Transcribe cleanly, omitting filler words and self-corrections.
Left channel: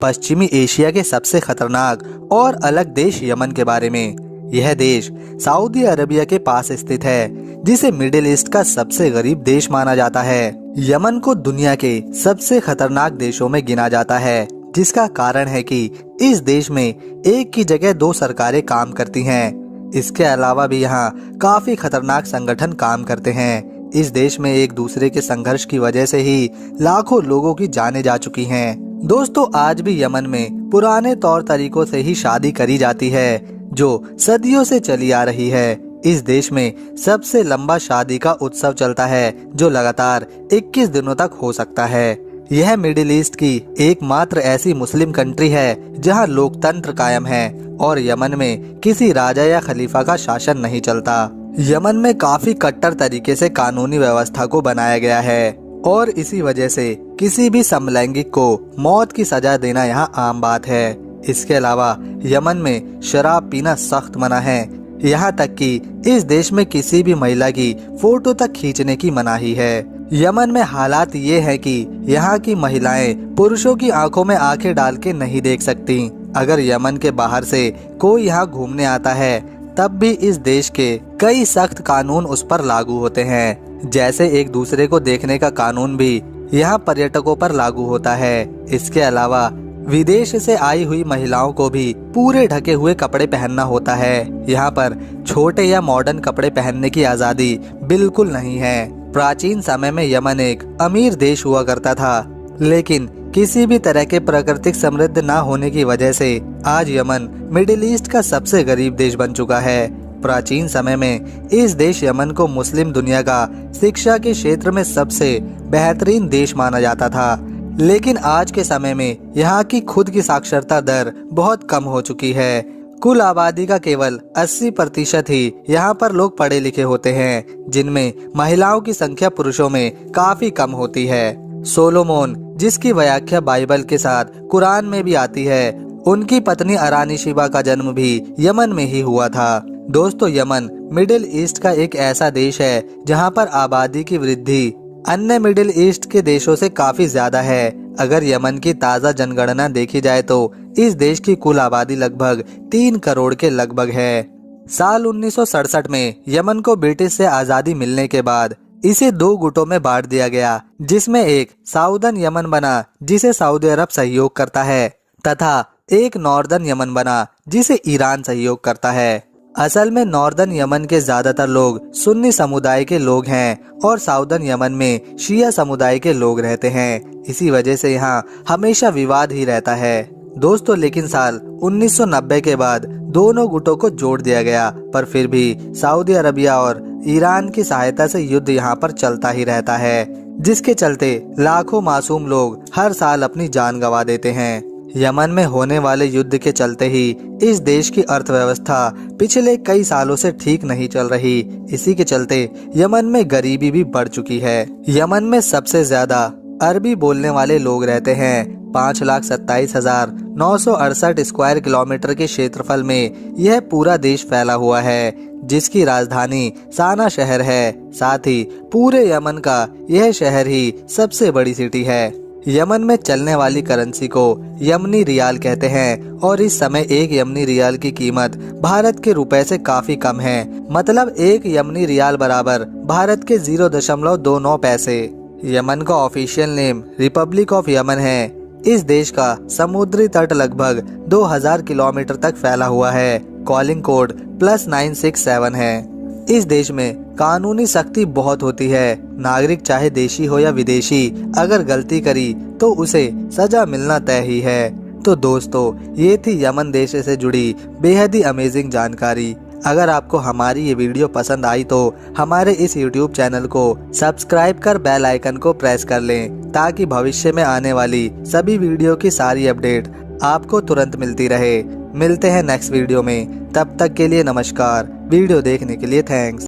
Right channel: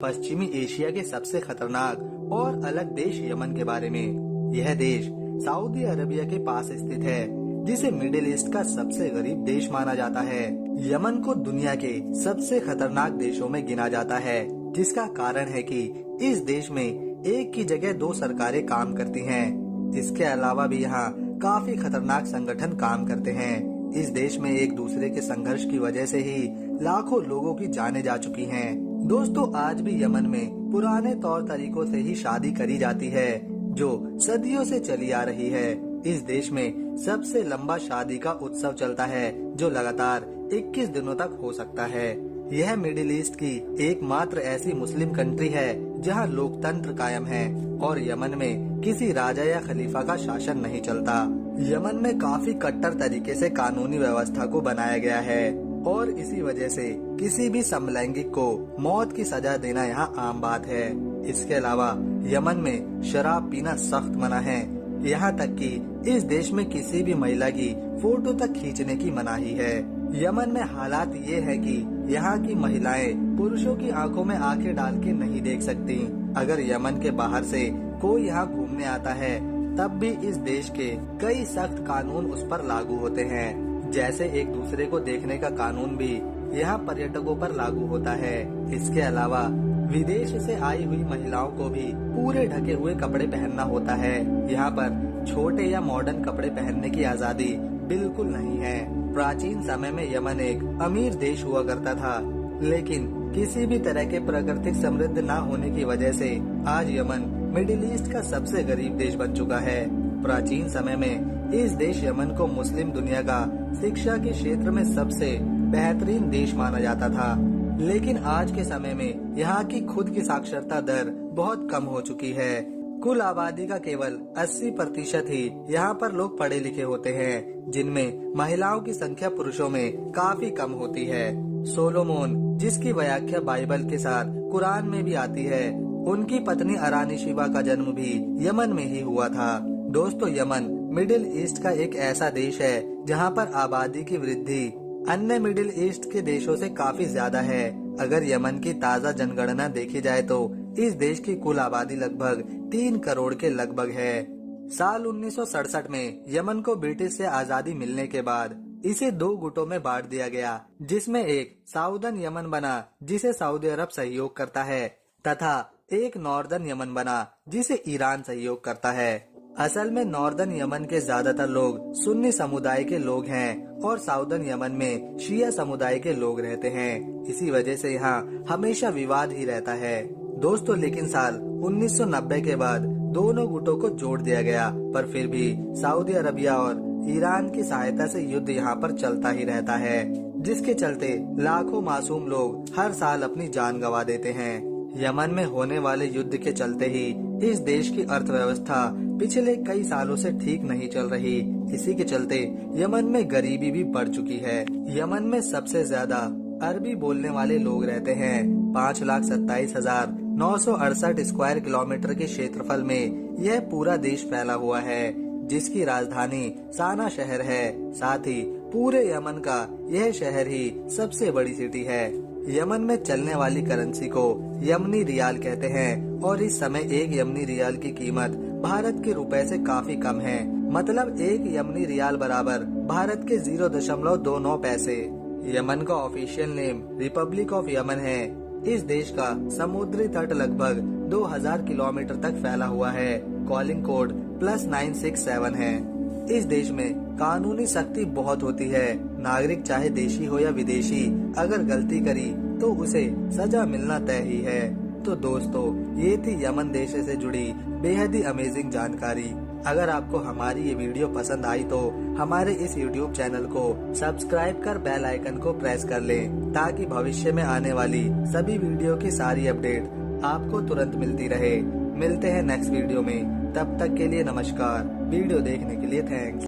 पश्चिमी एशिया के सबसे खतरनाक और अलग देश यमन के बारे में। यह देश सऊदी अरबिया के पास स्थित है, जिसे मिडिल ईस्ट का सबसे गरीब देश माना जाता है। यमन को दुनिया के सबसे खतरनाक देशों में गिना जाता है, जिसका कारण है कि इस देश में एक की जगह दो सरकारें काम करती हैं। इसके अलावा भी यहाँ काफी खतरनाक संगठन काम करते हैं। इस देश में एक दूसरे के संघर्ष की वजह से ही लाखों लोगों की जानें जा चुकी हैं। दोस्तों, आज भी यमन में पुराने तौर तरीकों से ही शादी करी जाती है, जो सदियों से चली आ रही है। इस देश में सबसे लंबा शादी का उत्सव चलता है, जो लगातार 21 दिनों तक हो सकता है। यह मिडिल ईस्ट की एकमात्र ऐसी मुस्लिम कंट्री है जहां लोकतंत्र कायम है और यमन में किसी राजा या खलीफा का शासन नहीं चलता। यमन में काफी कट्टर तरीके से कानूनी व्यवस्था को बनाया गया है और इसी वजह से किसी भी समलैंगिक को मौत की सजा देना यहाँ आम बात है। इसके अलावा यमन में शराब पीना सख्त मना है। यहाँ तक कि इस देश में किसी भी महिला की फोटो तक खींचने की मनाही है। यमन में हालात ये है कि यहाँ की महिलाएं पुरुषों की आंखों में आंखें डाल के नहीं देख सकती। अगर यमन के बाहर से कोई यहाँ घूमने आता है, तब भी इस देश के कई सख्त कानून उस पर लागू होते हैं। जैसे एक दूसरे को देखने का कानून भी यहाँ पर्यटकों पर लागू होता है। इसके अलावा विदेश से आई हुई महिलाओं को भी पूरे ढके हुए कपड़े पहनना होता है। यहाँ पर छोटे या मॉडर्न कपड़े पहनने की आजादी बिल्कुल नहीं है। प्राचीन समय में यमन एक अमीर देश हुआ करता था, लेकिन किसी भी तरह के प्राकृतिक समृद्ध न होने की वजह से आज यमन मिडिल ईस्ट का सबसे गरीब देश बन चुका है। प्राचीन समय में इस देश यमन को मुस्लिम दुनिया का शिक्षा के क्षेत्र में सबसे बेहतरीन देश माना जाता था, लेकिन आज के समय में यहाँ की खुद की साक्षरता दर बहुत कम हो चुकी है। कुल आबादी का केवल 80% ही यहाँ पर लोग पढ़े लिखे होते हैं, जिनमें महिलाओं की संख्या पुरुषों में काफी कम होती है। सोलोमोन, जिसकी व्याख्या बाइबल के साथ कुरान में भी आती है, उनकी पत्नी अरानिशिबा का जन्म भी यमन में ही हुआ था। दोस्तों, यमन मिडिल ईस्ट का एक ऐसा देश है जहाँ पर आबादी की वृद्धि अन्य मिडिल ईस्ट के देशों से काफी ज्यादा है। अगर यमन की ताज़ा जनगणना देखी जाए तो इस देश की कुल आबादी लगभग 3 करोड़ के लगभग है। साल 1967 में यमन को ब्रिटिश से आजादी मिलने के बाद इसे 2 गुटों में बांट दिया गया, जिसमें एक साउदर्न यमन बना जिसे सऊदी अरब सहयोग करता है, तथा एक नॉर्दर्न यमन बना जिसे ईरान सहयोग करता है। असल में नॉर्दर्न यमन के ज्यादातर लोग सुन्नी समुदाय के लोग हैं और साउदर्न यमन में शिया समुदाय के लोग रहते हैं। इसी वजह से यहाँ हमेशा विवाद ही रहता है। दोस्तों, लेकिन साल 1990 के बाद दोनों गुटों को जोड़ दिया गया, पर फिर भी सऊदी अरबिया और ईरान की सहायता से युद्ध यहाँ पर चलता ही रहता है, जिसके चलते लाखों मासूम लोग हर साल अपनी जान गंवा देते हैं। यमन में होने वाले युद्ध के चलते ही इस देश की अर्थव्यवस्था पिछले कई सालों से ठीक नहीं चल रही। इसी के चलते यमन में गरीबी भी बढ़ चुकी है। यमन में सबसे ज्यादा अरबी बोलने वाले लोग रहते हैं। 5,27,968 स्क्वायर किलोमीटर के क्षेत्रफल में यह पूरा देश फैला हुआ है, जिसकी राजधानी साना शहर है। साथ ही पूरे यमन का यह शहर ही सबसे बड़ी सिटी है। यमन में चलने वाली करेंसी को यमनी रियाल कहते हैं और इस समय एक यमनी रियाल की कीमत भारत के रुपए से काफी कम है। मतलब एक यमनी रियाल बराबर भारत के 0.29 पैसे। यमन का official name Republic of Yemen है। इस देश का समुद्री तट लगभग 2000 किलोमीटर तक फैला हुआ है। कॉलिंग कोड +967 है। इस देश में कानूनी सख्ती बहुत होती है। नागरिक चाहे देशी हो या विदेशी, अगर गलती करी तो उसे सजा मिलना तय ही है। तो दोस्तों, ये थी यमन देश से जुड़ी बेहद ही अमेजिंग जानकारी। अगर आपको हमारी ये वीडियो पसंद आई तो हमारे इस YouTube चैनल को सब्सक्राइब कर बेल आइकन को प्रेस कर लें, ताकि भविष्य में आने वाली सभी वीडियो की सारी अपडेट आपको तुरंत मिलती रहे। मिलते हैं नेक्स्ट वीडियो में, तब तक के लिए नमस्कार। वीडियो देखने के लिए थैंक्स।